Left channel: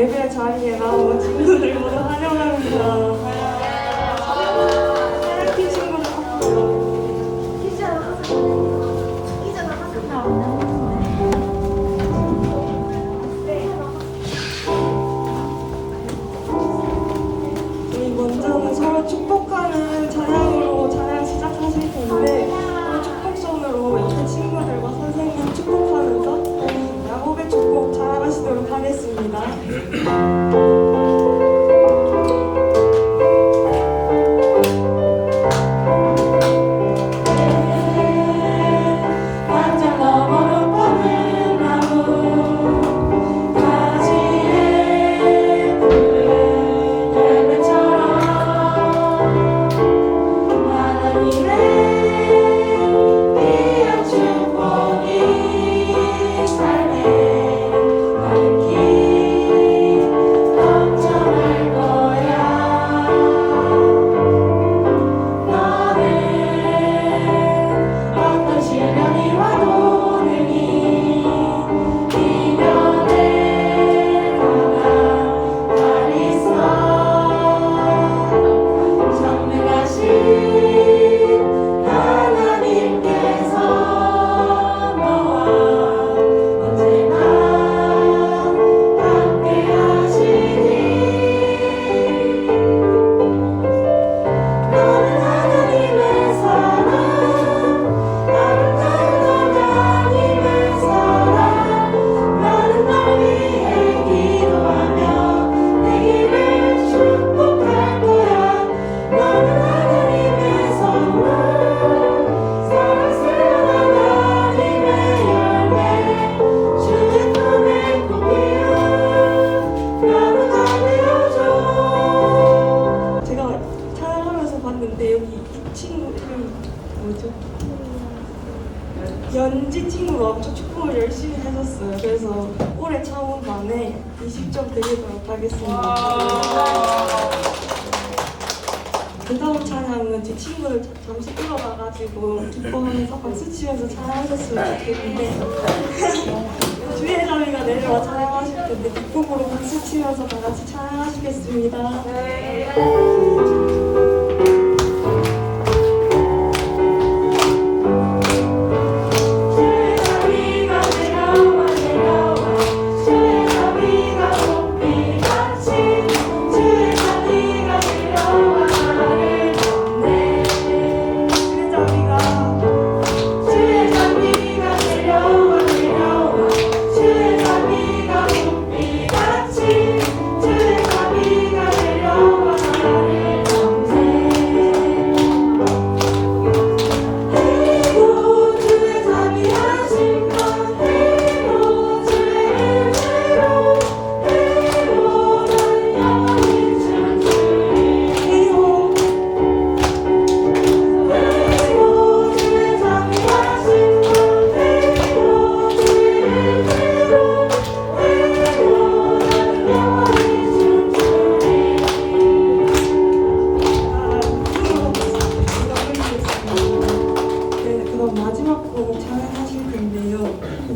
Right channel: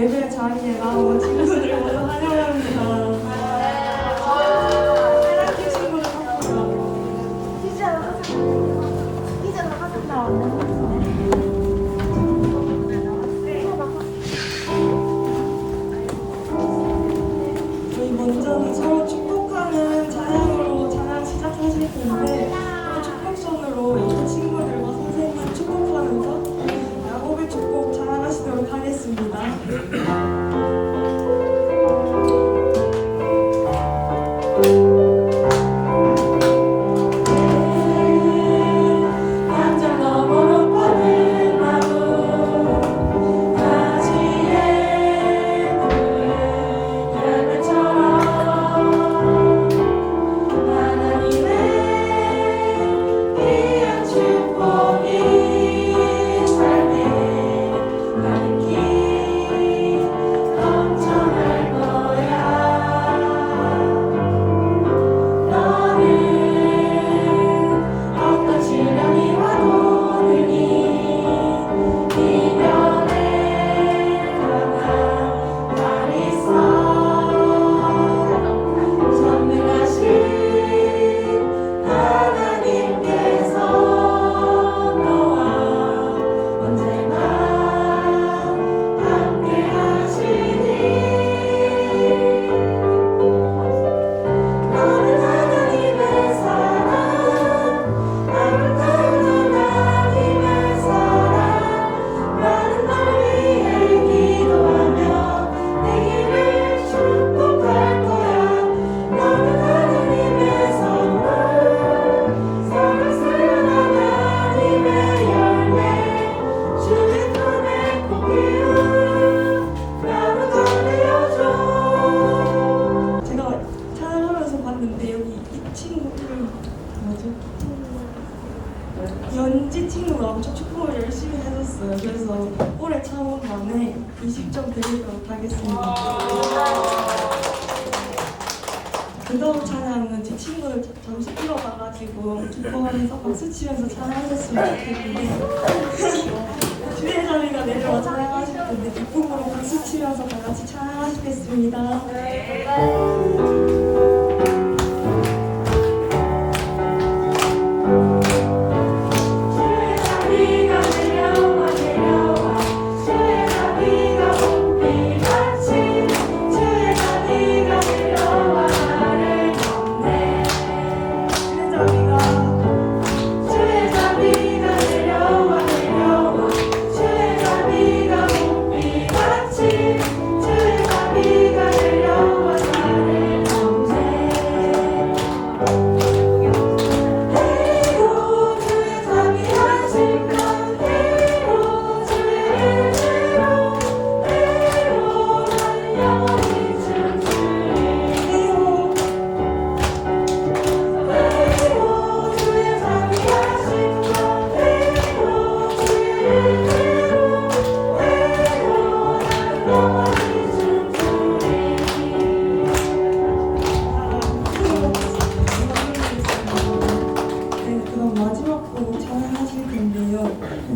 예배 자리에 나온 친구들을 모두 환영합니다. 사랑해 친구들. 우리 먼저는 서로 축복하는 찬양으로 찬양 시작하실 텐데 축복선으로 옆에 친구들과 선생님 축복하면서 야곱의 축복 자랑하시도록 하겠습니다. 근데 여기 이 친구 이름 뭐죠? 연지 친구가 엄청 축구를 열심히 해줬어요. 그래서 올해 처음 만에 20점 드리도록 하겠습니다. 그 다음 찬양은 제 친구들 잠시 일어나가지고 기뻐하면서 박수치면서 찬양하셨으면 좋겠는데 주회장이가 내려와 찬양하실 텐데 기쁨으로 박수치면서 다 같이 찬양하시겠습니다.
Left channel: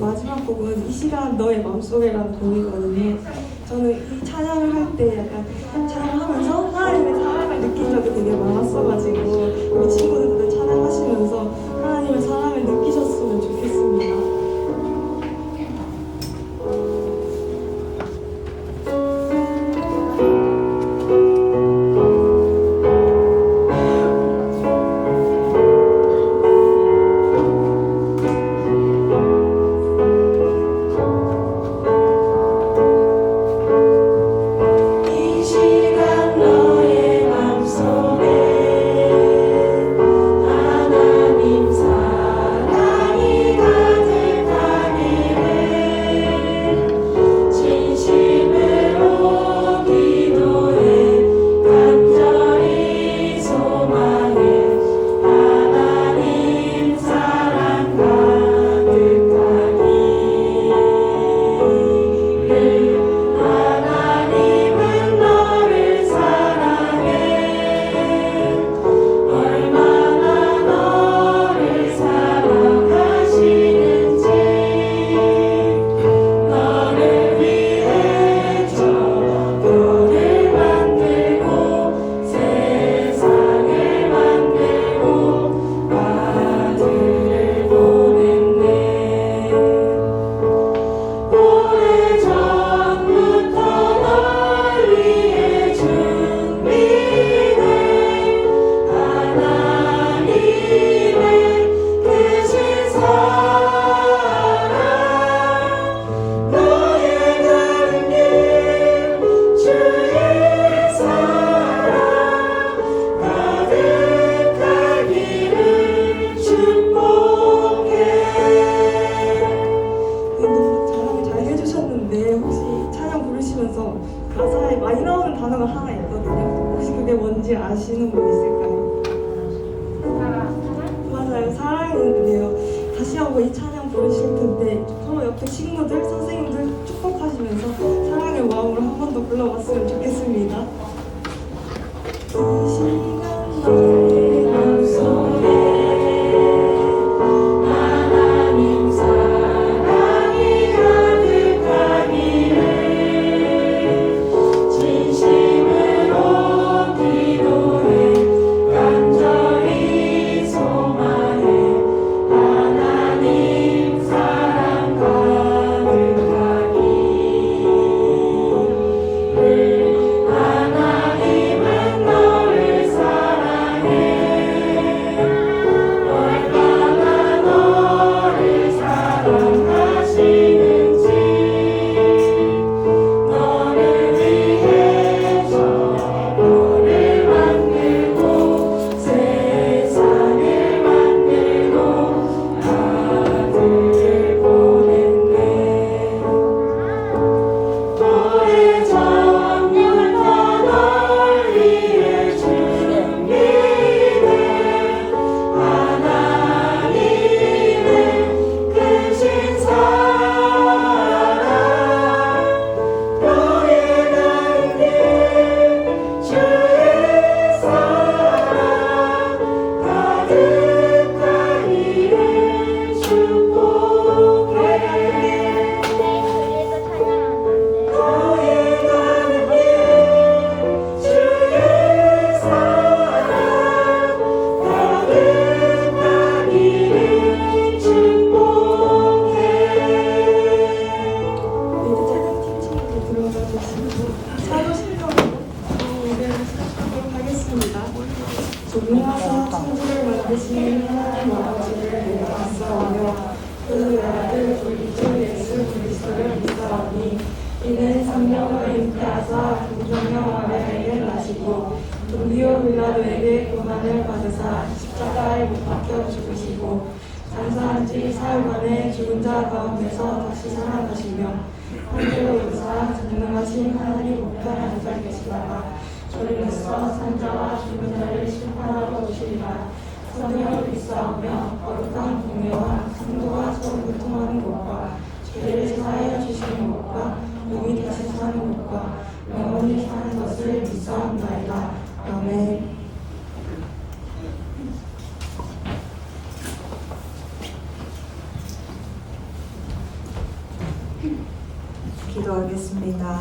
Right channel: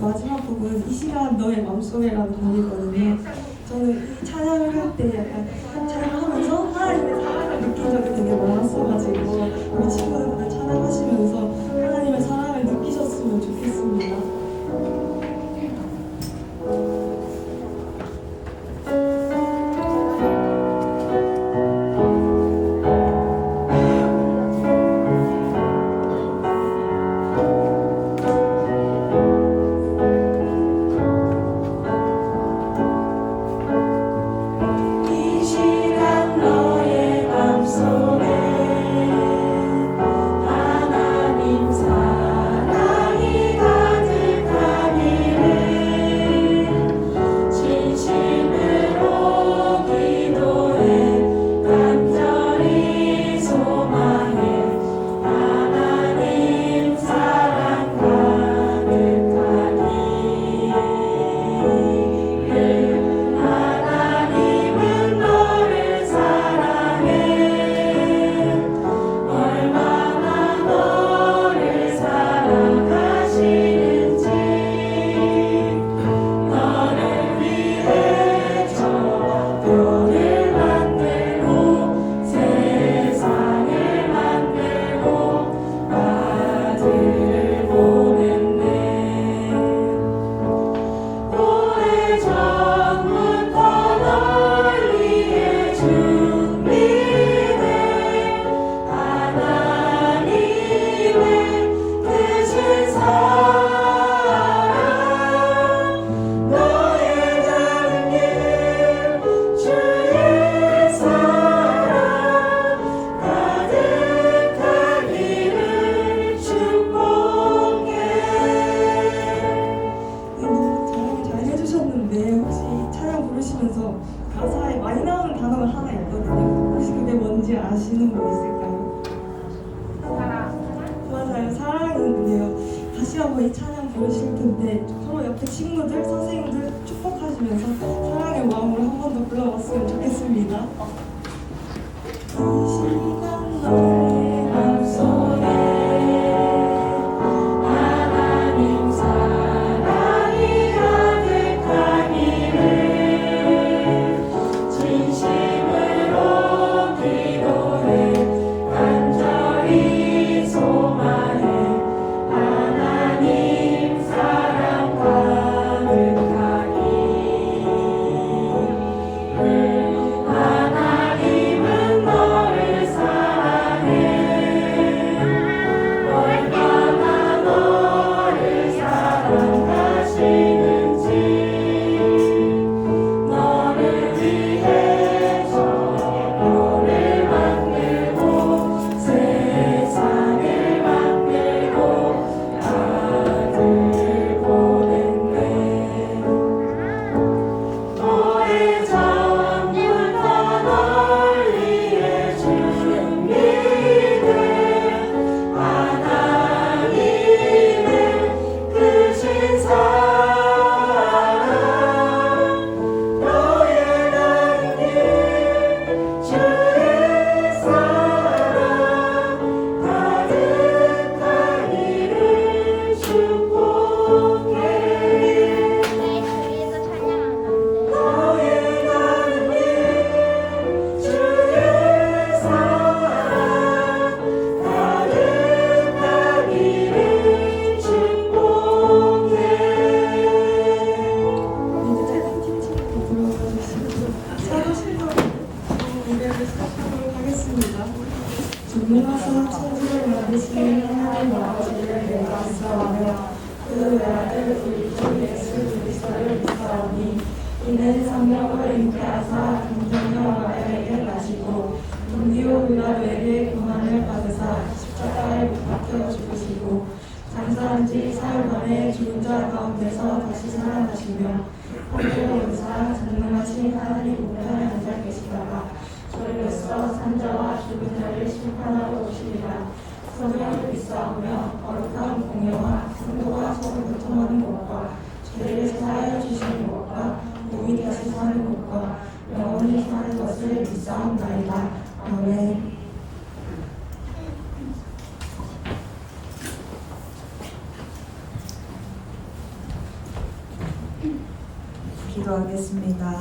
마지막 곡은 이 시간 너의 맘속에라는 곡이거든요. 저는 이 찬양을 할 때 약간 찬양하면서 하나님의 사랑을 느낀 적이 되게 많았어가지고 우리 친구들도 찬양하시면서 하나님의 사랑을 느끼셨으면 좋겠습니다. 다시 한번 이 찬양 부르실 텐데 바로 옆에 친구들, 선생님들 축복하시면서 사랑의 마음으로 한 번 더 불러봤으면 좋겠습니다. 이 시간 너의 맘속에 존귀하신 천지를 만드신 하나님 아버지를 말씀하며 그 아들 우리 주 예수 그리스도를 믿사오니 이는 성령을 잉태하사 금종녀 마리아에게 나시고 동기요 빌라도에게 고난을 받으사 십자가에 못 박혀 죽으시고 장사한 지 사흘 만에 죽은 자 가운데서 다시 살아나시며 황제로 오사 전능하신 하나님 우편에 앉아 계시다가 저리로서 산자와 죽은 자를 심판하러 오시리라. 성령을 믿사오며 거룩한 공예와 성도와 소를 통하는 것과 죄를 사하여 주시는 것과 영이 다시 사는 것과 영원히 사는 것을 믿사옵나이다. 아멘. 기도하겠습니다.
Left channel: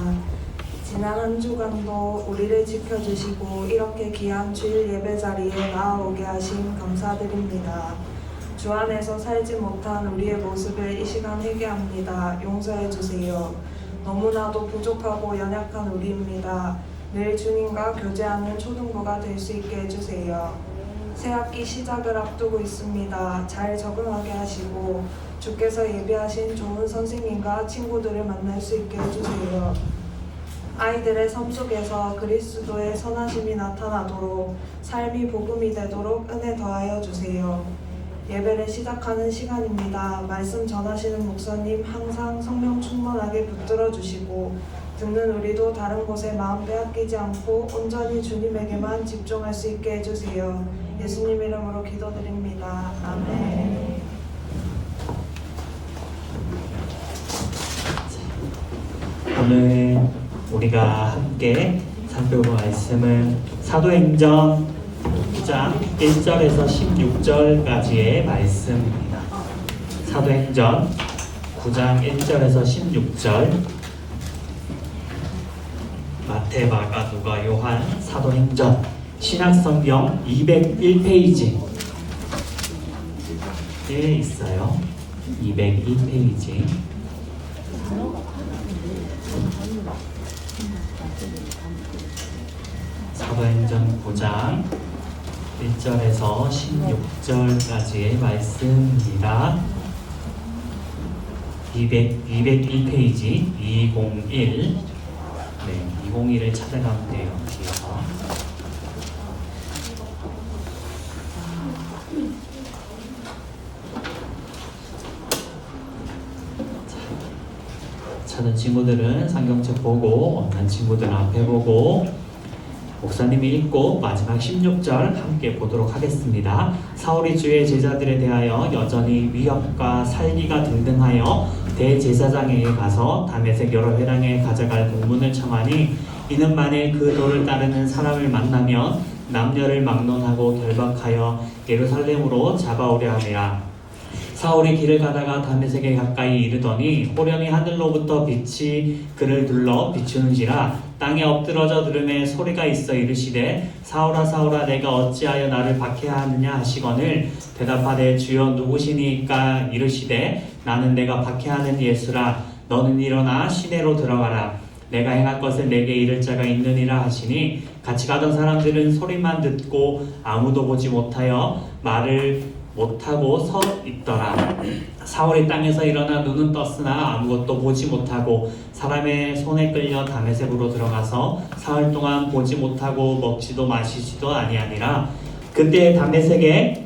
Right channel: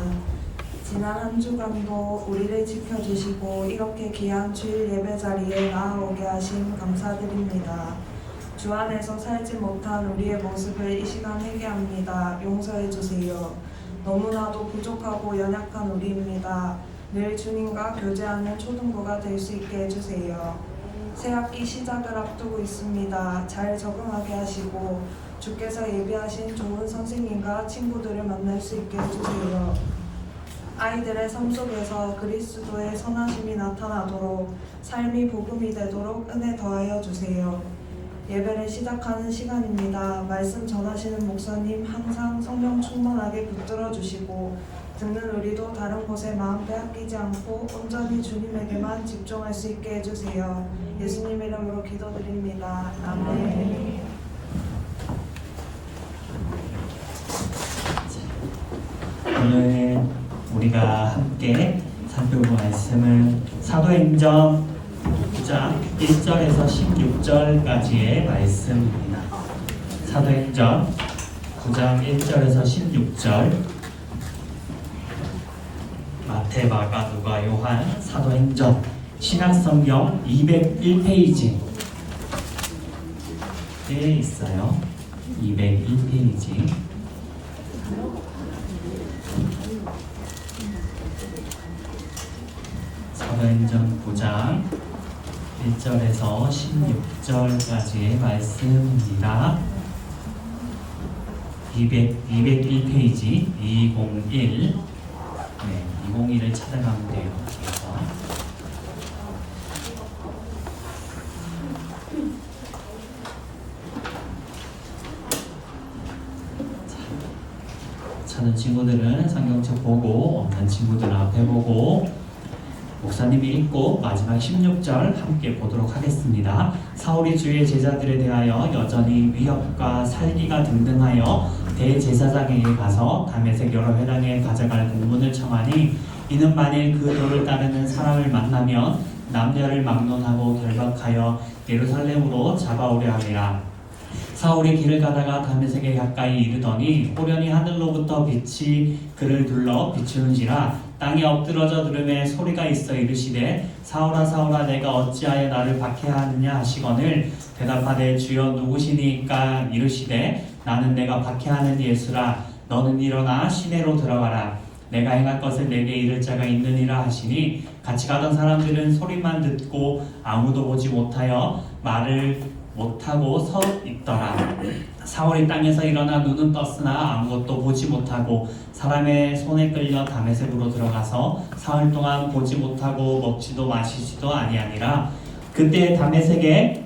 지난 한 주간도 우리를 지켜주시고 이렇게 귀한 주일 예배 자리에 나아오게 하심 감사드립니다. 주 안에서 살지 못한 우리의 모습을 이 시간 회개합니다. 용서해 주세요. 너무나도 부족하고 연약한 우리입니다. 늘 주님과 교제하는 초등부가 될 수 있게 해주세요. 새학기 시작을 앞두고 있습니다. 잘 적응하게 하시고 주께서 예비하신 좋은 선생님과 친구들을 만날 수 있게 해주세요. 아이들의 삶 속에서 그리스도의 선하심이 나타나도록 삶이 복음이 되도록 은혜 더하여 주세요. 예배를 시작하는 시간입니다. 말씀 전하시는 목사님 항상 성령 충만하게 붙들어 주시고 듣는 우리도 다른 곳에 마음 빼앗기지 않고 온전히 주님에게만 집중할 수 있게 해주세요. 예수님 이름으로 기도드립니다. 아멘. 오늘 우리가 함께 살펴볼 말씀은 사도행전 9장 1절에서 16절까지의 말씀입니다. 사도행전 9장 1절에서 16절 마태, 마가, 누가, 요한, 사도행전 신약성경 201페이지에 있어요. 201페이지. 사도행전 9장 1절에서 16절까지의 말씀입니다. 202페이지 201. 네, 201을 찾아가면 돼요. 뒤에서. 찾은 친구들은 성경책 보고, 없는 친구들은 앞에 보고 목사님이 읽고 마지막 16절 함께 보도록 하겠습니다. 사울이 주의 제자들에 대하여 여전히 위협과 살기가 등등하여 대제사장에게 가서 다메섹 여러 회당에 가져갈 공문을 청하니 이는 만일 그 도를 따르는 사람을 만나면 남녀를 막론하고 결박하여 예루살렘으로 잡아오려 함이라. 사울이 길을 가다가 다메섹에 가까이 이르더니 호련히 하늘로부터 빛이 그를 둘러 비추는지라. 땅에 엎드러져 들음에 소리가 있어 이르시되 사울아 사울아 내가 어찌하여 나를 박해하느냐 하시거늘 대답하되 주여 누구시니까 이르시되 나는 내가 박해하는 예수라. 너는 일어나 시내로 들어가라. 내가 행할 것을 내게 이를 자가 있느니라 하시니 같이 가던 사람들은 소리만 듣고 아무도 보지 못하여 말을 못하고 서 있더라. 사울이 땅에서 일어나 눈은 떴으나 아무것도 보지 못하고 사람의 손에 끌려 다메섹으로 들어가서 사흘 동안 보지 못하고 먹지도 마시지도 아니하니라. 그때 다메섹에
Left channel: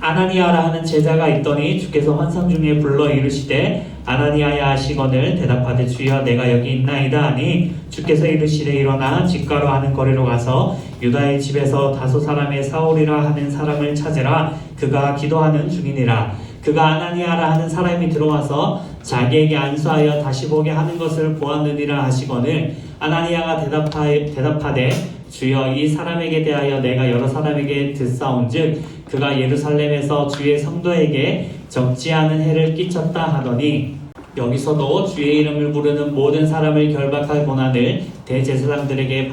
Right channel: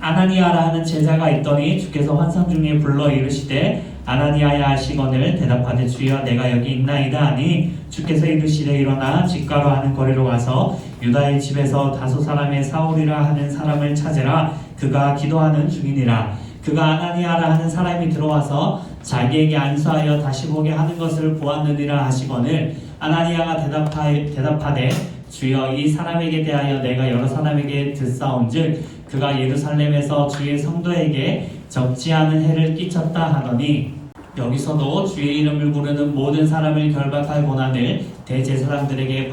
아나니아라 하는 제자가 있더니 주께서 환상 중에 불러 이르시되 아나니아야 하시거늘 대답하되 주여 내가 여기 있나이다 하니 주께서 이르시되 일어나 집가로 하는 거리로 가서 유다의 집에서 다소 사람의 사울이라 하는 사람을 찾으라. 그가 기도하는 중이니라. 그가 아나니아라 하는 사람이 들어와서 자기에게 안수하여 다시 보게 하는 것을 보았느니라 하시거늘 아나니아가 대답하되 주여 이 사람에게 대하여 내가 여러 사람에게 듣사온즉 그가 예루살렘에서 주의 성도에게 적지 않은 해를 끼쳤다 하더니 여기서도 주의 이름을 부르는 모든 사람을 결박할 고난을 대제사장들에게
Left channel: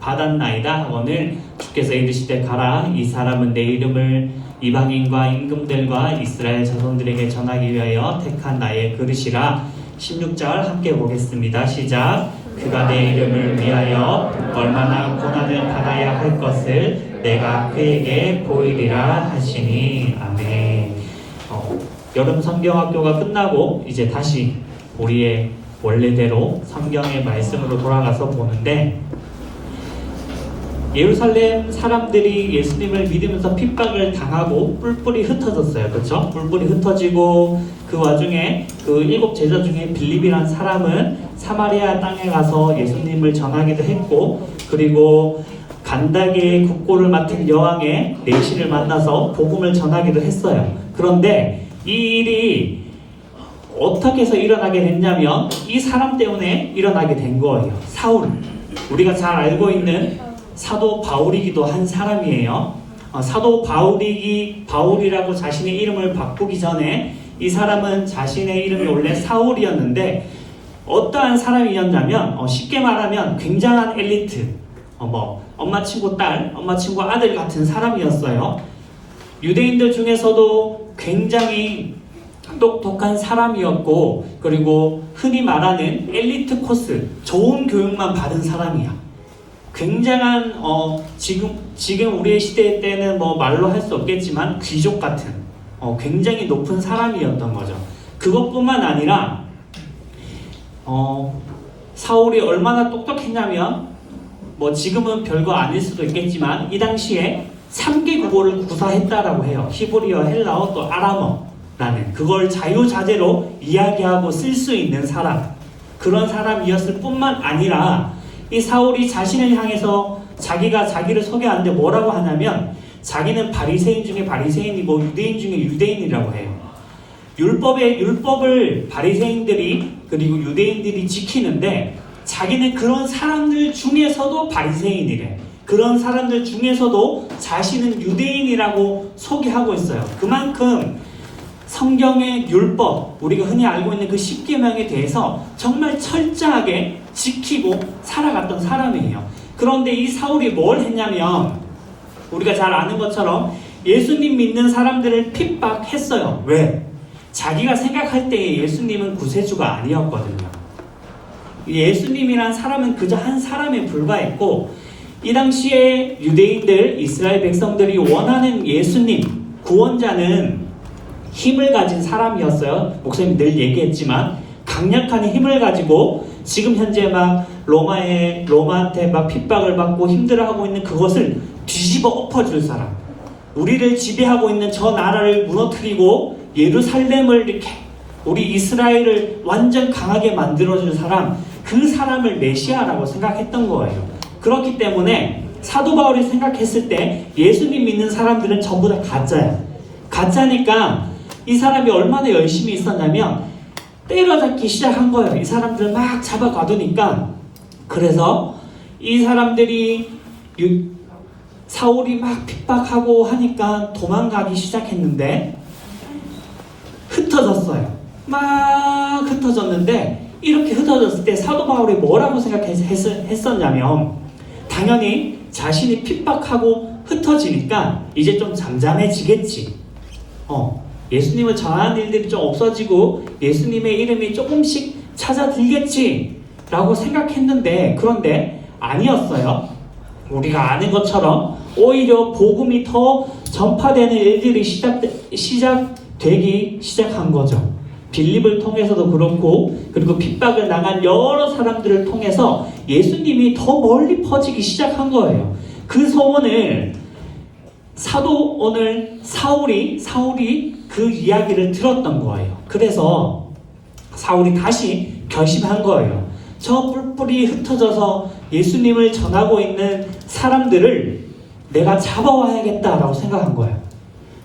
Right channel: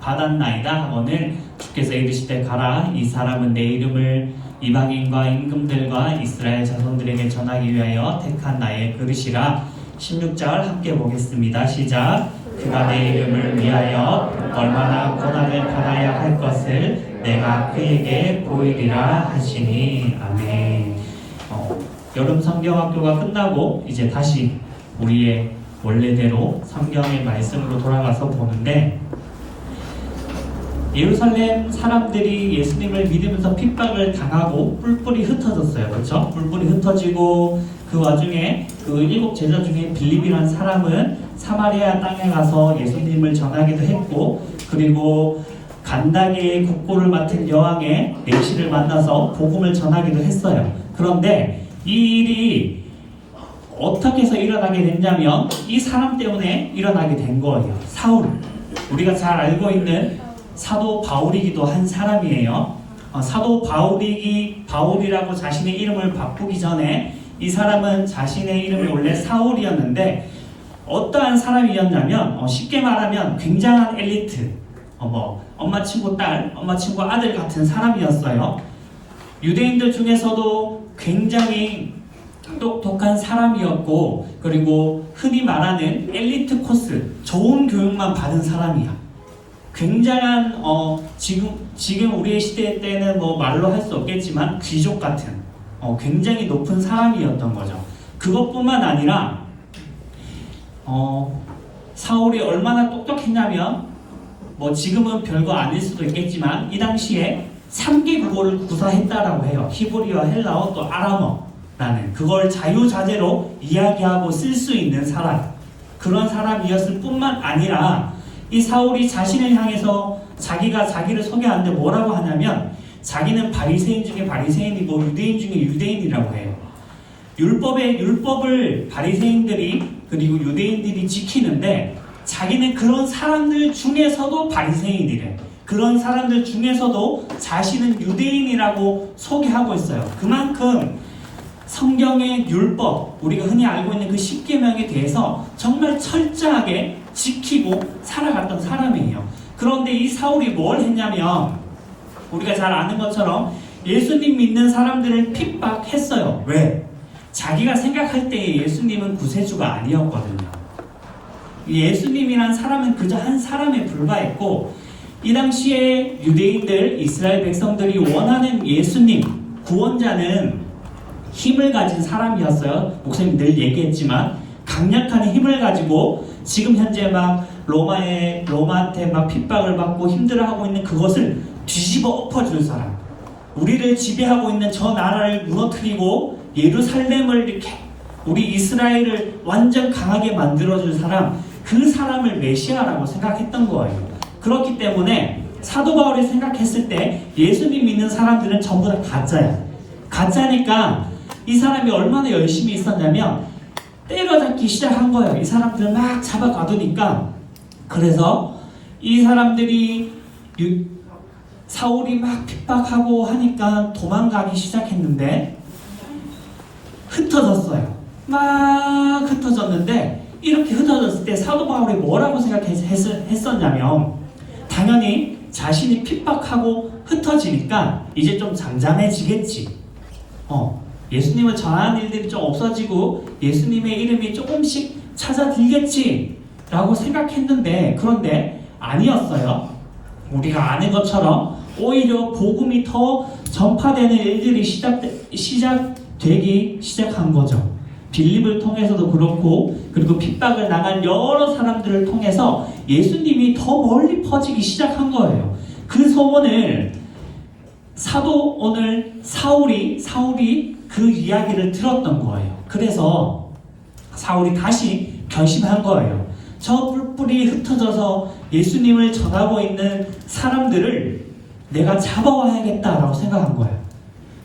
받았나이다 하거늘 주께서 이르시되 가라. 이 사람은 내 이름을 이방인과 임금들과 이스라엘 자손들에게 전하기 위하여 택한 나의 그릇이라. 16절 함께 보겠습니다. 시작. 그가 내 이름을 위하여 얼마나 고난을 받아야 할 것을 내가 그에게 보이리라 하시니. 아멘. 여름 성경학교가 끝나고 이제 다시 우리의 원래대로 성경의 말씀으로 돌아가서 보는데 예루살렘 사람들이 예수님을 믿으면서 핍박을 당하고 뿔뿔이 흩어졌어요. 그렇죠? 뿔뿔이 흩어지고 그 와중에 그 7 제자 중에 빌립이라는 사람은 사마리아 땅에 가서 예수님을 전하기도 했고 그리고 간다게의 국고를 맡은 여왕의 내시를 만나서 복음을 전하기도 했어요. 그런데 이 일이 어떻게 해서 일어나게 됐냐면 이 사람 때문에 일어나게 된 거예요. 사울, 우리가 잘 알고 있는 사도 바울이기도 한 사람이에요. 사도 바울이라고 자신의 이름을 바꾸기 전에 이 사람은 자신의 이름이 원래 사울이었는데 어떠한 사람이었냐면 쉽게 말하면 굉장한 엘리트, 엄마 친구 딸, 엄마 친구 아들 같은 사람이었어요. 유대인들 중에서도 굉장히 똑똑한 사람이었고 그리고 흔히 말하는 엘리트 코스, 좋은 교육만 받은 사람이야. 굉장한 지금 우리의 시대 때는 말로 할 수 없겠지만 귀족 같은 굉장히 높은 사람이었던 거죠. 그것뿐만 아니라 사울이 얼마나 똑똑했냐면 지금은 별거 아닐 수도 있겠지만 이 당시에 3개 국어를 구사했다라고 해요. 히브리어, 헬라어, 또 아람어라는 그걸 자유자재로 이야기하고 쓸 수 있는 사람, 그런 사람이었을 뿐만 아니라 이 사울이 자신을 향해서 자기가 자기를 소개하는데 뭐라고 하냐면 자기는 바리새인 중에 바리새인이고 유대인 중에 유대인이라고 해요. 율법을 바리새인들이 그리고 유대인들이 지키는데 자기는 그런 사람들 중에서도 바리새인이래. 그런 사람들 중에서도 자신은 유대인이라고 소개하고 있어요. 그만큼 성경의 율법, 우리가 흔히 알고 있는 그 10계명에 대해서 정말 철저하게 지키고 살아갔던 사람이에요. 그런데 이 사울이 뭘 했냐면 우리가 잘 아는 것처럼 예수님 믿는 사람들을 핍박했어요. 왜? 자기가 생각할 때에 예수님은 구세주가 아니었거든요. 예수님이란 사람은 그저 한 사람에 불과했고 이 당시에 유대인들, 이스라엘 백성들이 원하는 예수님, 구원자는 힘을 가진 사람이었어요. 목사님 늘 얘기했지만 강력한 힘을 가지고 지금 현재 로마한테 핍박을 받고 힘들어하고 있는 그것을 뒤집어 엎어줄 사람, 우리를 지배하고 있는 저 나라를 무너뜨리고 예루살렘을 이렇게 우리 이스라엘을 완전 강하게 만들어줄 사람, 그 사람을 메시아라고 생각했던 거예요. 그렇기 때문에 사도 바울이 생각했을 때 예수님 믿는 사람들은 전부 다 가짜야. 가짜니까 이 사람이 얼마나 열심히 있었냐면 때려잡기 시작한 거예요. 이 사람들 막 잡아가두니까. 그래서 이 사람들이 사울이 막 핍박하고 하니까 도망가기 시작했는데 흩어졌어요. 막 흩어졌는데 이렇게 흩어졌을 때 사도 바울이 뭐라고 생각했었냐면 당연히 자신이 핍박하고 흩어지니까 이제 좀 잠잠해지겠지. 예수님을 전하는 일들이 좀 없어지고 예수님의 이름이 조금씩 찾아들겠지 라고 생각했는데 그런데 아니었어요. 우리가 아는 것처럼 오히려 복음이 더 전파되는 일들이 시작되기 시작한 거죠. 빌립을 통해서도 그렇고 그리고 핍박을 당한 여러 사람들을 통해서 예수님이 더 멀리 퍼지기 시작한 거예요. 그 소문을 사울이 그 이야기를 들었던 거예요. 그래서 사울이 다시 결심한 거예요. 저 뿔뿔이 흩어져서 예수님을 전하고 있는 사람들을 내가 잡아와야겠다라고 생각한 거예요.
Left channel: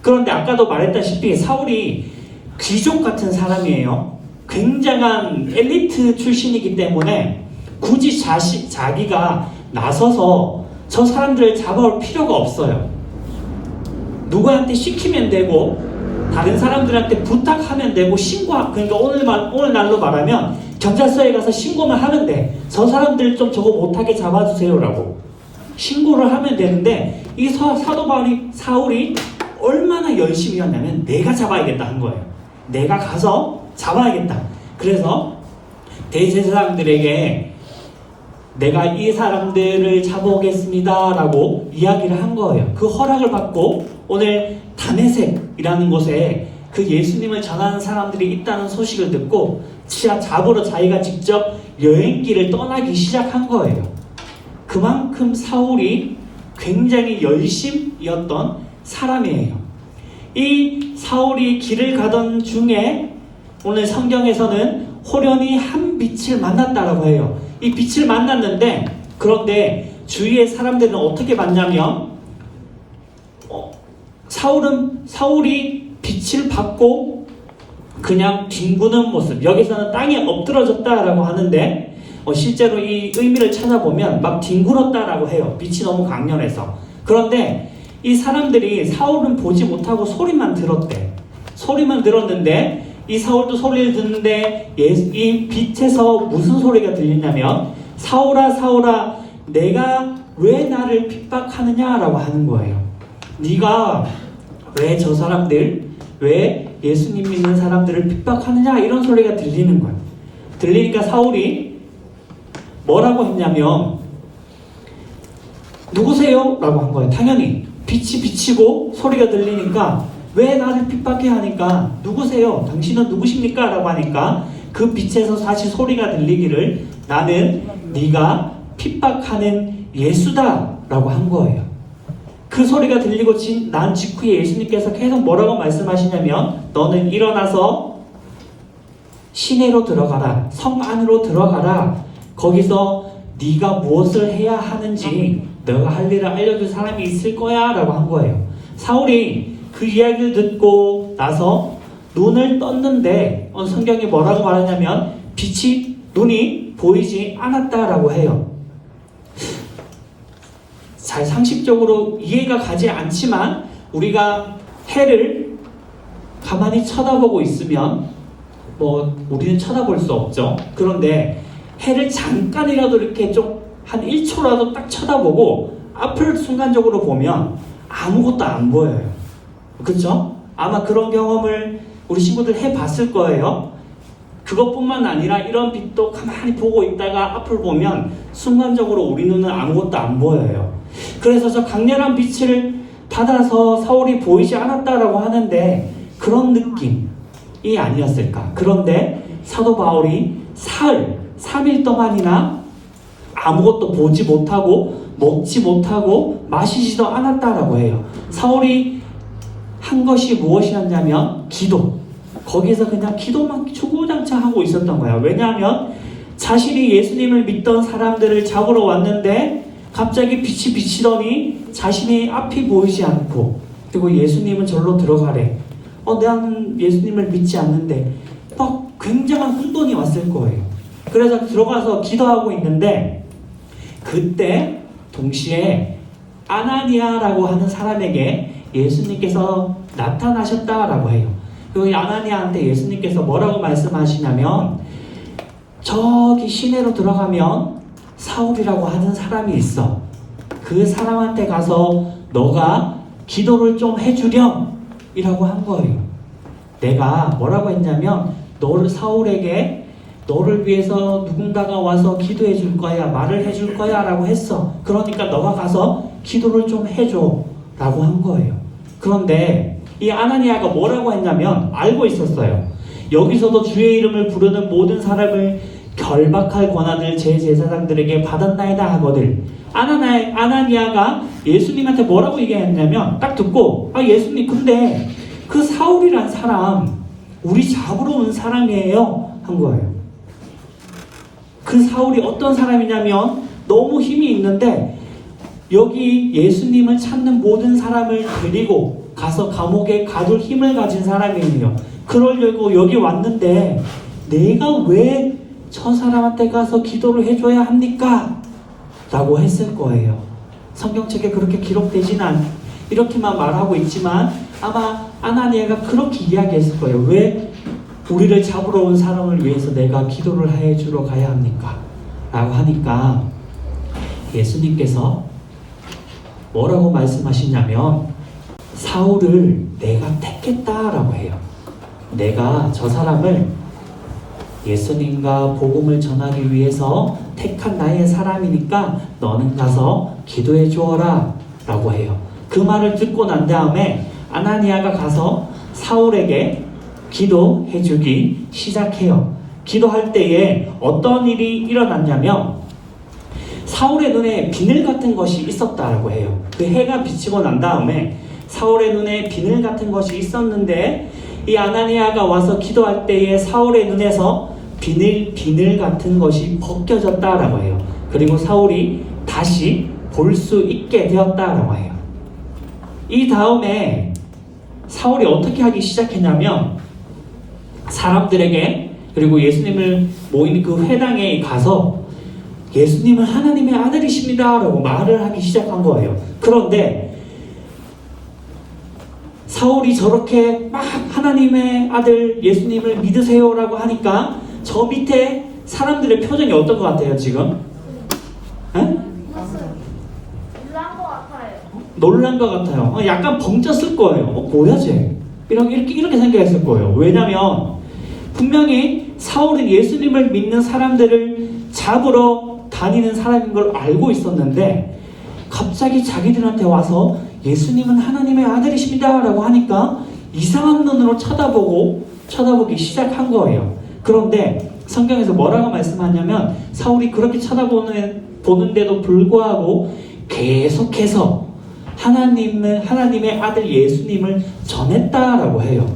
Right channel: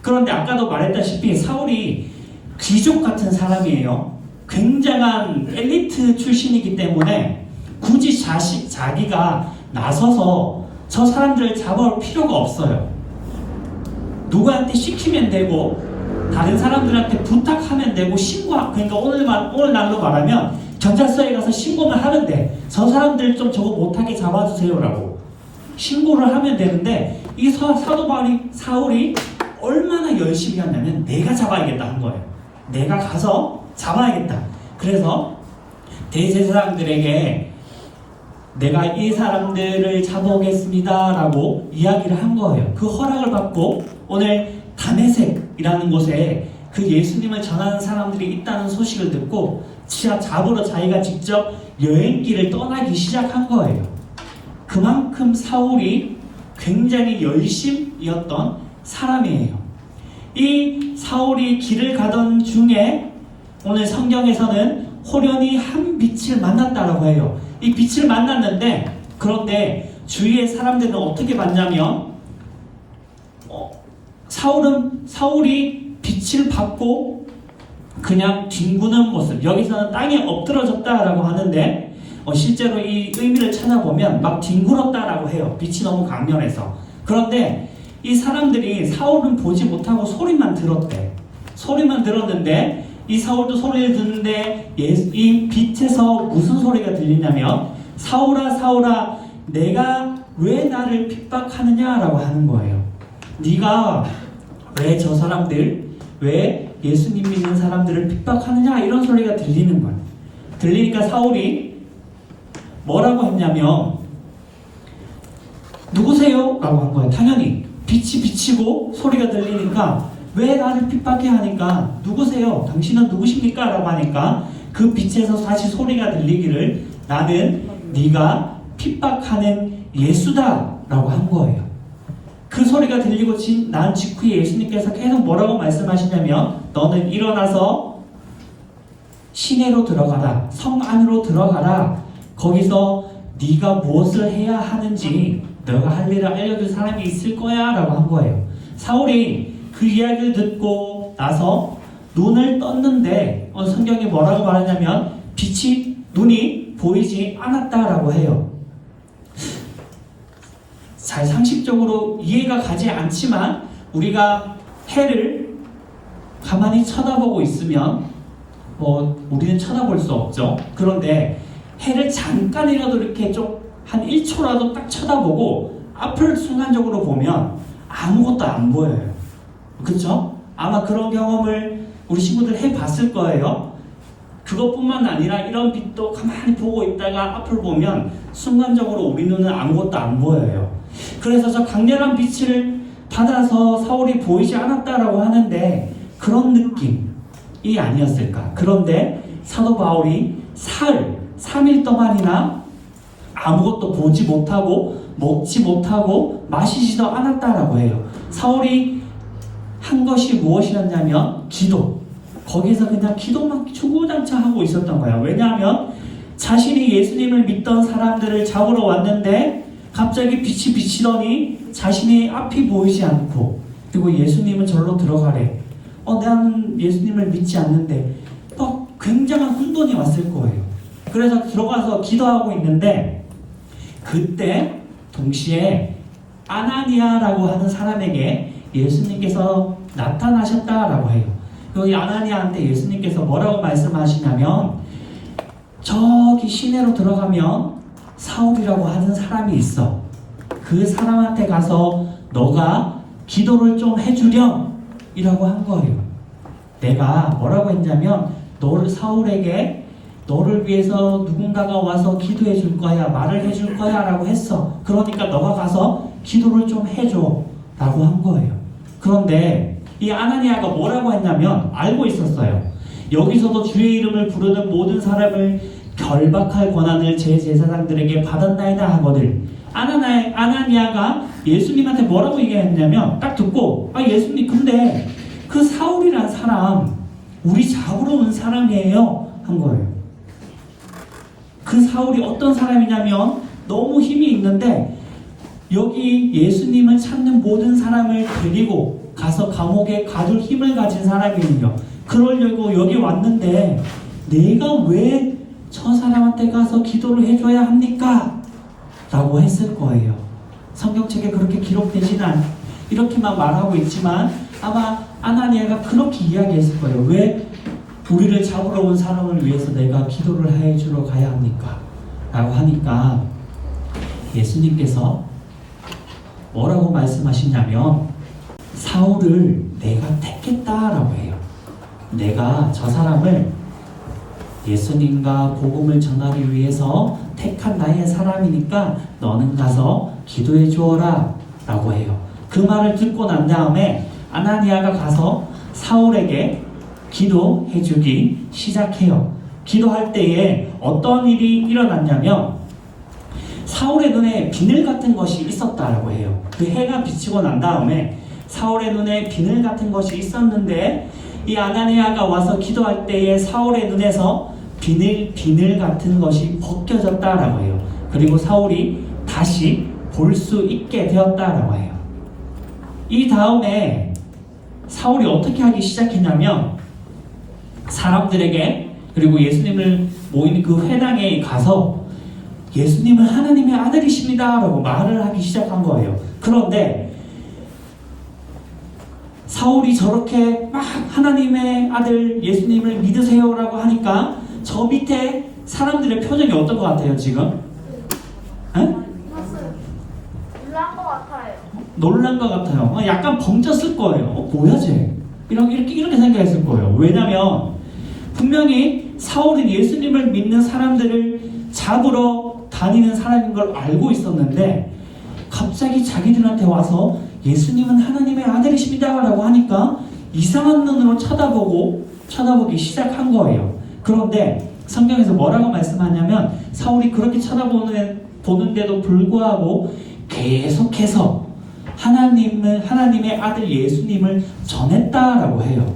그런데 아까도 말했다시피 사울이 귀족 같은 사람이에요. 굉장한 엘리트 출신이기 때문에 굳이 자기가 나서서 저 사람들을 잡아올 필요가 없어요. 누구한테 시키면 되고 다른 사람들한테 부탁하면 되고 그러니까 오늘 날로 말하면 경찰서에 가서 신고만 하면 돼. 저 사람들 좀 저거 못하게 잡아주세요라고 신고를 하면 되는데 이 사도 사울이 얼마나 열심히 했냐면 내가 잡아야겠다 한 거예요. 내가 가서 잡아야겠다. 그래서 대제사장들에게 내가 이 사람들을 잡아오겠습니다 라고 이야기를 한 거예요. 그 허락을 받고 오늘 다메섹이라는 곳에 그 예수님을 전하는 사람들이 있다는 소식을 듣고 잡으러 자기가 직접 여행길을 떠나기 시작한 거예요. 그만큼 사울이 굉장히 열심이었던 사람이에요. 이 사울이 길을 가던 중에 오늘 성경에서는 호련히 한 빛을 만났다라고 해요. 이 빛을 만났는데 그런데 주위의 사람들은 어떻게 봤냐면 사울이 빛을 받고 그냥 뒹구는 모습, 여기서는 땅에 엎드러졌다라고 하는데 실제로 이 의미를 찾아보면 막 뒹굴었다라고 해요. 빛이 너무 강렬해서. 그런데 이 사람들이 사울은 보지 못하고 소리만 들었대. 소리만 들었는데 이 사울도 소리를 듣는데 이 빛에서 무슨 소리가 들리냐면 사울아 사울아 내가 왜 나를 핍박하느냐라고 하는 거예요. 네가 왜 저 사람들 왜 예수님 믿는 사람들을 핍박하느냐 이런 소리가 들리는 거예요. 들리니까 사울이 뭐라고 했냐면 누구세요? 라고 한 거예요. 당연히 빛이 비치고 소리가 들리니까 왜 나를 핍박해 하니까 누구세요? 당신은 누구십니까? 라고 하니까 그 빛에서 다시 소리가 들리기를 나는 네가 핍박하는 예수다 라고 한 거예요. 그 소리가 들리고 난 직후에 예수님께서 계속 뭐라고 말씀하시냐면 너는 일어나서 시내로 들어가라. 성 안으로 들어가라. 거기서 네가 무엇을 해야 하는지 너가 할 일을 알려줄 사람이 있을 거야 라고 한 거예요. 사울이 그 이야기를 듣고 나서 눈을 떴는데 성경이 뭐라고 말하냐면 눈이 보이지 않았다라고 해요. 잘 상식적으로 이해가 가지 않지만 우리가 해를 가만히 쳐다보고 있으면 우리는 쳐다볼 수 없죠. 그런데 해를 잠깐이라도 이렇게 좀 한 1초라도 딱 쳐다보고 앞을 순간적으로 보면 아무것도 안 보여요. 그렇죠? 아마 그런 경험을 우리 친구들 해봤을 거예요. 그것뿐만 아니라 이런 빛도 가만히 보고 있다가 앞을 보면 순간적으로 우리 눈은 아무것도 안 보여요. 그래서 저 강렬한 빛을 받아서 사울이 보이지 않았다라고 하는데 그런 느낌이 아니었을까. 그런데 사도 바울이 3일 동안이나 아무것도 보지 못하고 먹지 못하고 마시지도 않았다라고 해요. 사울이 한 것이 무엇이었냐면 기도. 거기에서 그냥 기도만 주구장창 하고 있었던 거야. 왜냐하면 자신이 예수님을 믿던 사람들을 잡으러 왔는데 갑자기 빛이 비치더니 자신의 앞이 보이지 않고, 그리고 예수님은 절로 들어가래. 나는 예수님을 믿지 않는데, 막 굉장한 혼돈이 왔을 거예요. 그래서 들어가서 기도하고 있는데, 그때 동시에 아나니아라고 하는 사람에게 예수님께서 나타나셨다라고 해요. 여기 아나니아한테 예수님께서 뭐라고 말씀하시냐면, 저기 시내로 들어가면 사울이라고 하는 사람이 있어. 그 사람한테 가서 너가 기도를 좀 해주렴 이라고 한 거예요. 내가 뭐라고 했냐면, 너를 사울에게 너를 위해서 누군가가 와서 기도해 줄 거야, 말을 해줄 거야 라고 했어. 그러니까 너가 가서 기도를 좀 해줘 라고 한 거예요. 그런데 이 아나니아가 뭐라고 했냐면, 알고 있었어요. 여기서도 주의 이름을 부르는 모든 사람을 결박할 권한을 제 제사장들에게 받았나이다 하거늘. 아나니아가 예수님한테 뭐라고 얘기했냐면, 딱 듣고, 예수님 근데 그 사울이란 사람 우리 잡으러 온 사람이에요 한 거예요. 그 사울이 어떤 사람이냐면, 너무 힘이 있는데 여기 예수님을 찾는 모든 사람을 데리고 가서 감옥에 가둘 힘을 가진 사람이에요. 그러려고 여기 왔는데 내가 왜 저 사람한테 가서 기도를 해줘야 합니까? 라고 했을 거예요. 성경책에 그렇게 기록되지는 이렇게만 말하고 있지만 아마 아나니아가 그렇게 이야기했을 거예요. 왜 우리를 잡으러 온 사람을 위해서 내가 기도를 해주러 가야 합니까? 라고 하니까 예수님께서 뭐라고 말씀하시냐면, 사울을 내가 택했다라고 해요. 내가 저 사람을 예수님과 복음을 전하기 위해서 택한 나의 사람이니까 너는 가서 기도해 주어라 라고 해요. 그 말을 듣고 난 다음에 아나니아가 가서 사울에게 기도해 주기 시작해요. 기도할 때에 어떤 일이 일어났냐면, 사울의 눈에 비늘 같은 것이 있었다라고 해요. 그 해가 비치고 난 다음에 사울의 눈에 비늘 같은 것이 있었는데, 이 아나니아가 와서 기도할 때에 사울의 눈에서 비늘 같은 것이 벗겨졌다라고 해요. 그리고 사울이 다시 볼 수 있게 되었다라고 해요. 이 다음에 사울이 어떻게 하기 시작했냐면, 사람들에게, 그리고 예수님을 모이는 그 회당에 가서 예수님은 하나님의 아들이십니다 라고 말을 하기 시작한 거예요. 그런데 사울이 저렇게 막 하나님의 아들 예수님을 믿으세요 라고 하니까 저 밑에 사람들의 표정이 어떤 것 같아요 지금? 에? 놀란 것 같아요. 약간 벙쪘을 거예요. 뭐야 쟤? 이렇게 생각했을 거예요. 왜냐면 분명히 사울은 예수님을 믿는 사람들을 잡으러 다니는 사람인 걸 알고 있었는데, 갑자기 자기들한테 와서 예수님은 하나님의 아들이십니다 라고 하니까 이상한 눈으로 쳐다보기 시작한 거예요. 그런데 성경에서 뭐라고 말씀하냐면, 사울이 그렇게 쳐다보는데도 불구하고 계속해서 하나님의 아들 예수님을 전했다라고 해요.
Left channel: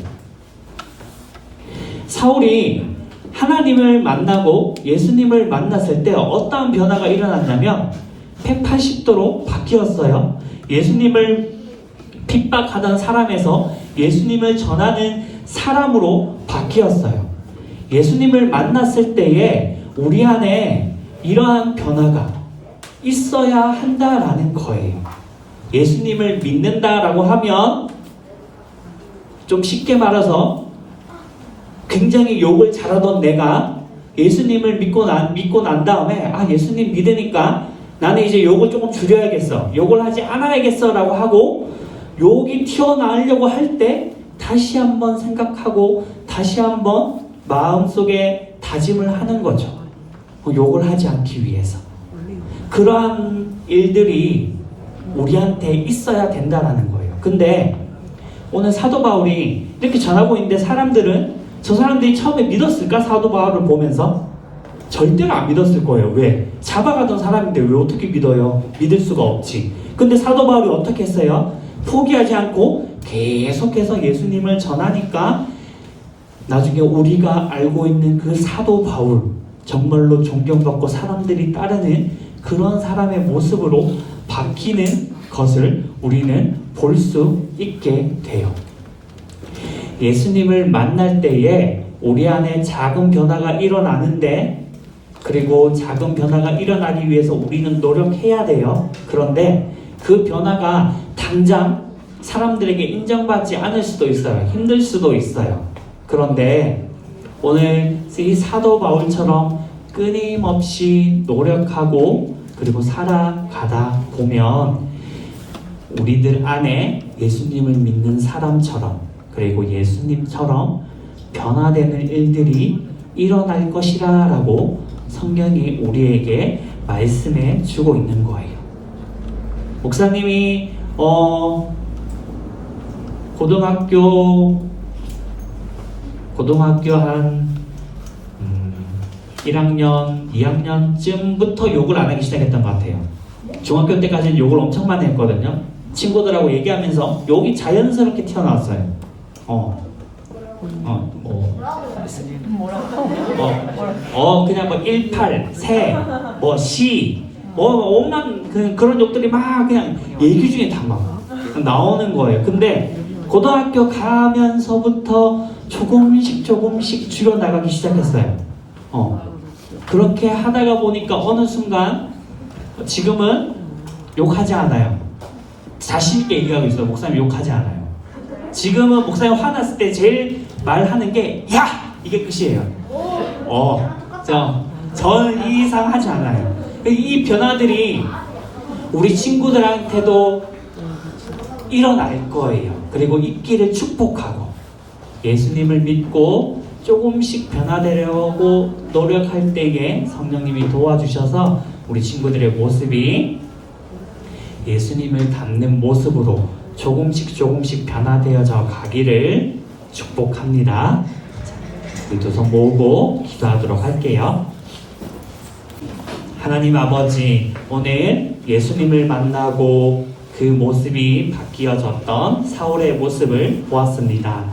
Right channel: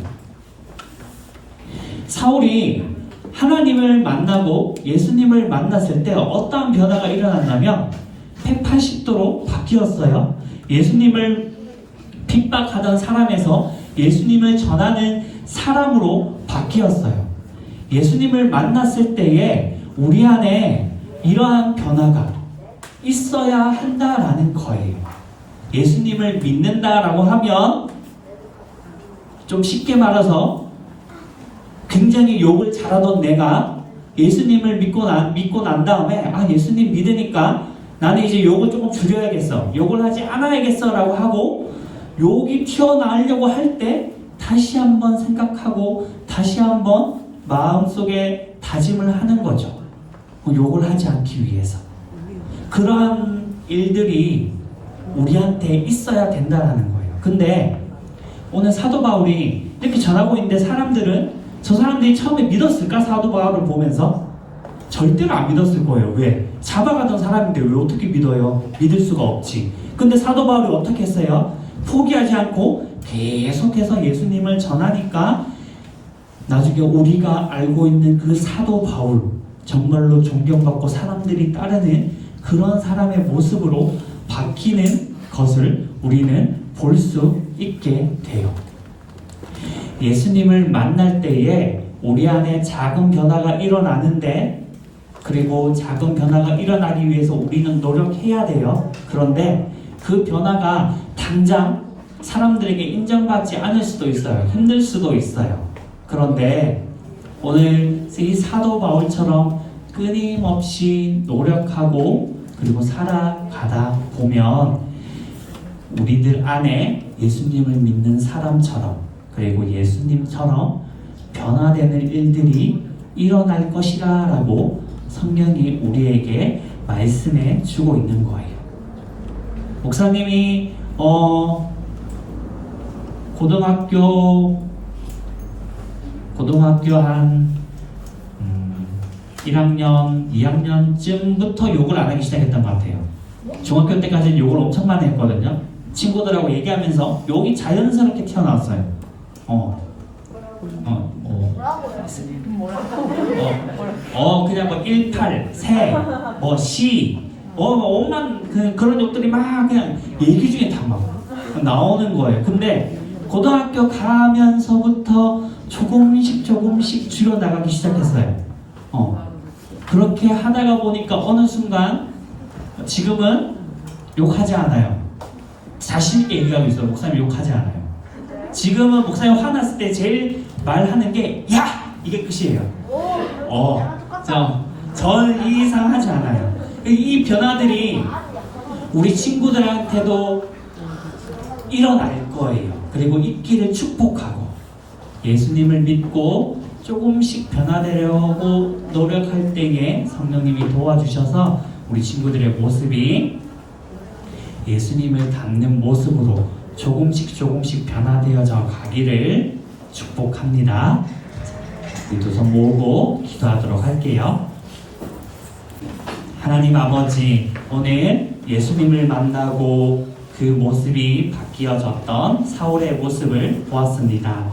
사울이 하나님을 만나고 예수님을 만났을 때 어떠한 변화가 일어났냐면 180도로 바뀌었어요. 예수님을 핍박하던 사람에서 예수님을 전하는 사람으로 바뀌었어요. 예수님을 만났을 때에 우리 안에 이러한 변화가 있어야 한다라는 거예요. 예수님을 믿는다라고 하면 좀 쉽게 말해서 굉장히 욕을 잘하던 내가 예수님을 믿고 난 다음에 예수님 믿으니까 나는 이제 욕을 조금 줄여야겠어, 욕을 하지 않아야겠어 라고 하고 욕이 튀어나오려고 할 때 다시 한번 생각하고 다시 한번 마음속에 다짐을 하는 거죠. 욕을 하지 않기 위해서. 그러한 일들이 우리한테 있어야 된다는 거예요. 근데 오늘 사도 바울이 이렇게 전하고 있는데 저 사람들이 처음에 믿었을까? 사도 바울을 보면서? 절대로 안 믿었을 거예요. 왜? 잡아가던 사람인데 왜 어떻게 믿어요? 믿을 수가 없지. 근데 사도 바울이 어떻게 했어요? 포기하지 않고 계속해서 예수님을 전하니까 나중에 우리가 알고 있는 그 사도 바울, 정말로 존경받고 사람들이 따르는 그런 사람의 모습으로 바뀌는 것을 우리는 볼 수 있게 돼요. 예수님을 만날 때에 우리 안에 작은 변화가 일어나는데, 그리고 작은 변화가 일어나기 위해서 우리는 노력해야 돼요. 그런데 그 변화가 당장 사람들에게 인정받지 않을 수도 있어요. 힘들 수도 있어요. 그런데 오늘 이 사도 바울처럼 끊임없이 노력하고 그리고 살아가다 보면 우리들 안에 예수님을 믿는 사람처럼, 그리고 예수님처럼 변화되는 일들이 일어날 것이라 라고 성경이 우리에게 말씀해 주고 있는 거예요. 목사님이 고등학교 한 1학년, 2학년쯤부터 욕을 안 하기 시작했던 것 같아요. 중학교 때까지는 욕을 엄청 많이 했거든요. 친구들하고 얘기하면서 욕이 자연스럽게 튀어나왔어요. 그냥 뭐 18, 새, 시, 엄만 그런 욕들이 막 그냥 얘기 중에 다 막 나오는 거예요. 근데 고등학교 가면서부터 조금씩 줄여나가기 시작했어요. 그렇게 하다가 보니까 어느 순간 지금은 욕하지 않아요. 자신있게 얘기하고 있어요. 목사님 욕하지 않아요. 지금은 목사님 화났을 때 제일 말하는 게 야! 이게 끝이에요. 전 이 이상 하지 않아요. 이 변화들이 우리 친구들한테도 일어날 거예요. 그리고 있기를 축복하고 예수님을 믿고 조금씩 변화되려고 노력할 때에 성령님이 도와주셔서 우리 친구들의 모습이 예수님을 닮는 모습으로 조금씩 변화되어져 가기를 축복합니다. 우리 두 손 모으고 기도하도록 할게요. 하나님 아버지, 오늘 예수님을 만나고 그 모습이 바뀌어졌던 사울의 모습을 보았습니다.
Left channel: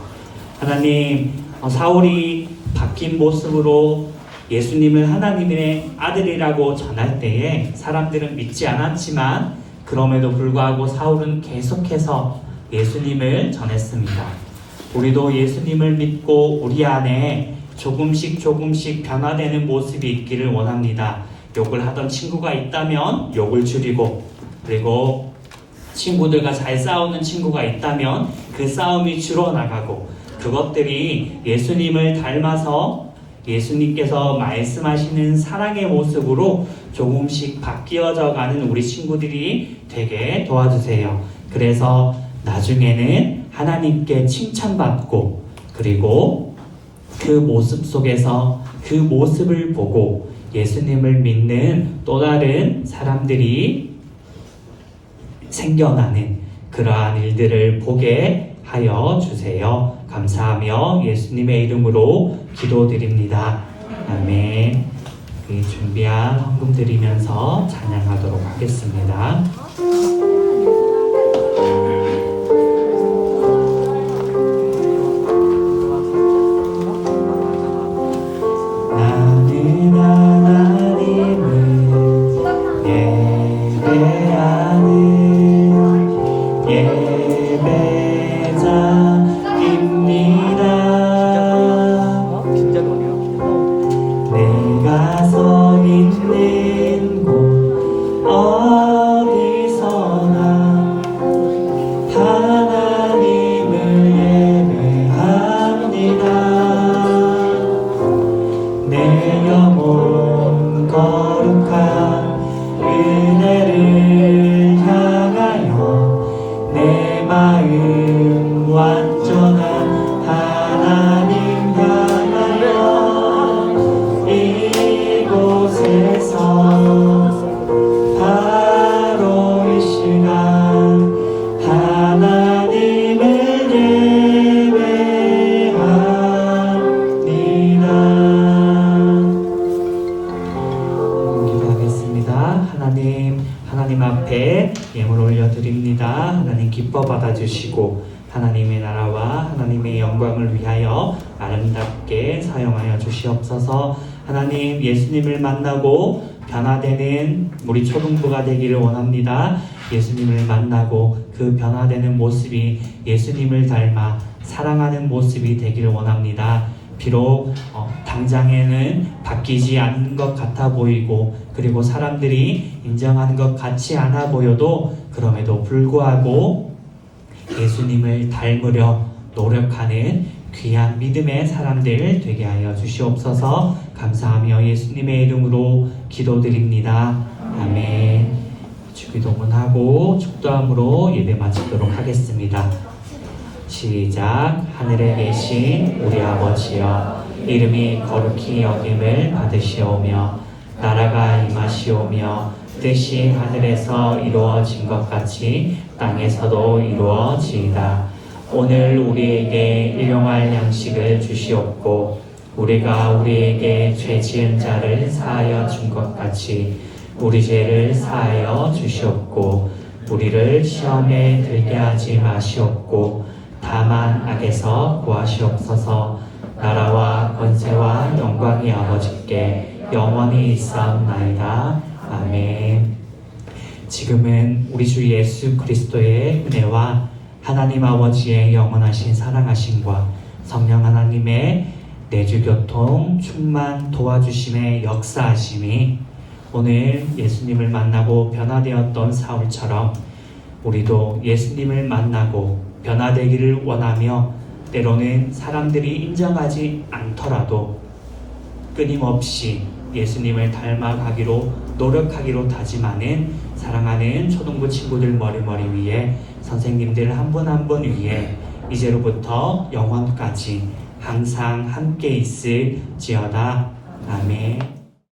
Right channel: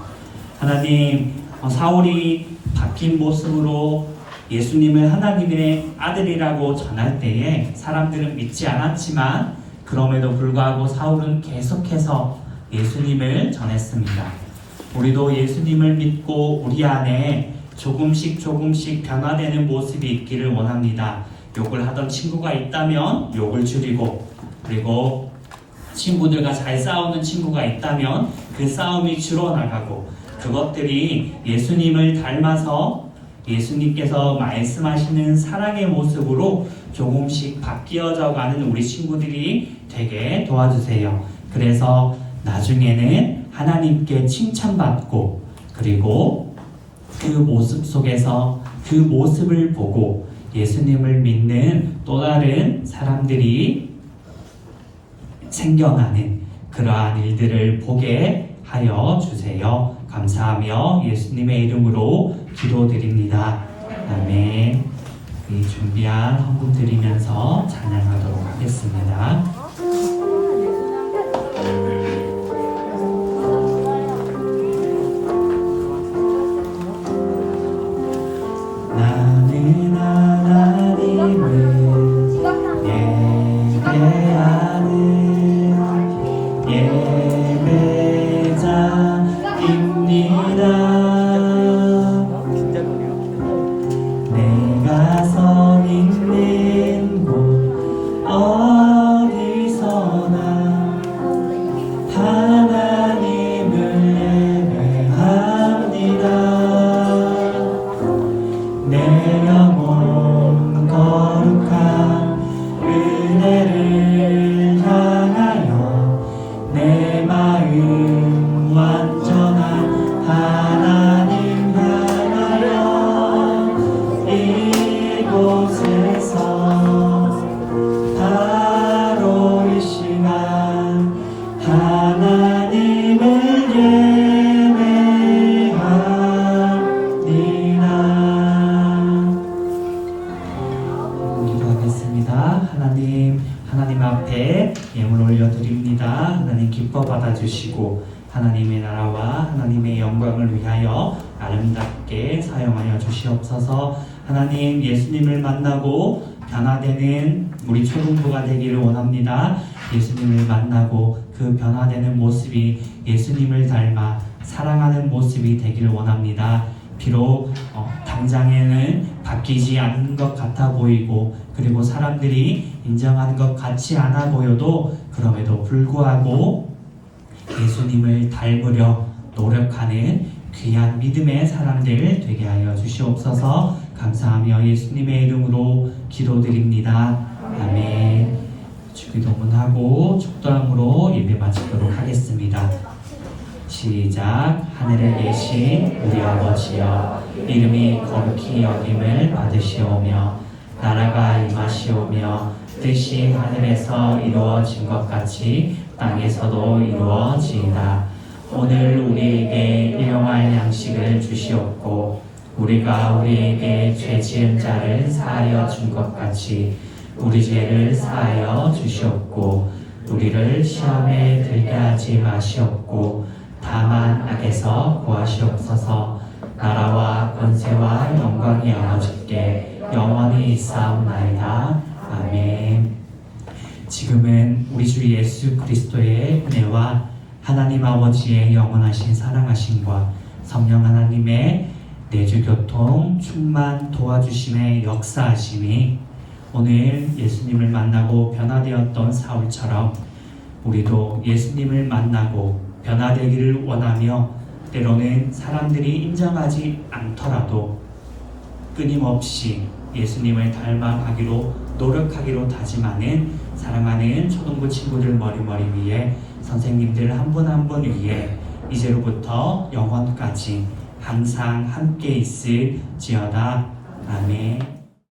하나님, 사울이 바뀐 모습으로 예수님을 하나님의 아들이라고 전할 때에 사람들은 믿지 않았지만 그럼에도 불구하고 사울은 계속해서 예수님을 전했습니다. 우리도 예수님을 믿고 우리 안에 조금씩 변화되는 모습이 있기를 원합니다. 욕을 하던 친구가 있다면 욕을 줄이고, 그리고 친구들과 잘 싸우는 친구가 있다면 그 싸움이 줄어나가고, 그것들이 예수님을 닮아서 예수님께서 말씀하시는 사랑의 모습으로 조금씩 바뀌어져 가는 우리 친구들이 되게 도와주세요. 그래서 나중에는 하나님께 칭찬받고, 그리고 그 모습 속에서 그 모습을 보고 예수님을 믿는 또 다른 사람들이 생겨나는 그러한 일들을 보게 하여 주세요. 감사하며 예수님의 이름으로 기도드립니다. 아멘. 준비한 헌금 드리면서 찬양하도록 하겠습니다. 나는 하나님을 예배하는 예배자입니다. 내가 서 있는 곳 어디서나 하나님을 예배합니다. 내 영혼 거룩한 은혜를 향하여 내 마음 완전한 하나님 향하여 이곳에서 바로 이 시간 하나님을 예배합니다. 기도하겠습니다. 하나님 앞에 예물 올려드립니다. 하나님 기뻐 받아주시고 하나님의 나라와 하나님의 영광을 위하여 아름답게 사용하여 주시옵소서. 하나님, 예수님을 만나고 변화되는 우리 초등부가 되기를 원합니다. 예수님을 만나고 그 변화되는 모습이 예수님을 닮아 사랑하는 모습이 되기를 원합니다. 비록 당장에는 바뀌지 않는 것 같아 보이고 그리고 사람들이 인정하는 것 같지 않아 보여도 그럼에도 불구하고 예수님을 닮으려 노력하는 귀한 믿음의 사람들 되게 하여 주시옵소서. 감사하며 예수님의 이름으로 기도드립니다. 아멘. 주기도문하고 축도함으로 예배 마치도록 하겠습니다. 시작. 하늘에 계신 우리 아버지여, 이름이 거룩히 여김을 받으시오며 나라가 임하시오며 뜻이 하늘에서 이루어진 것 같이 땅에서도 이루어지이다. 오늘 우리에게 일용할 양식을 주시옵고 우리가 우리에게 죄 지은 자를 사하여 준 것 같이 우리 죄를 사하여 주시옵고 우리를 시험에 들게 하지 마시옵고 다만 악에서 구하시옵소서. 나라와 권세와 영광이 아버지께 영원히 있사옵나이다. 아멘. 지금은 우리 주 예수 그리스도의 은혜와 하나님 아버지의 영원하신 사랑하심과 성령 하나님의 내주교통 충만 도와주심의 역사하심이 오늘 예수님을 만나고 변화되었던 사울처럼 우리도 예수님을 만나고 변화되기를 원하며 때로는 사람들이 인정하지 않더라도 끊임없이 예수님을 닮아가기로 노력하기로 다짐하는 사랑하는 초등부 친구들 머리머리 위에 선생님들 한 분 한 분 위에 이제로부터 영원까지 항상 함께 있을지어다.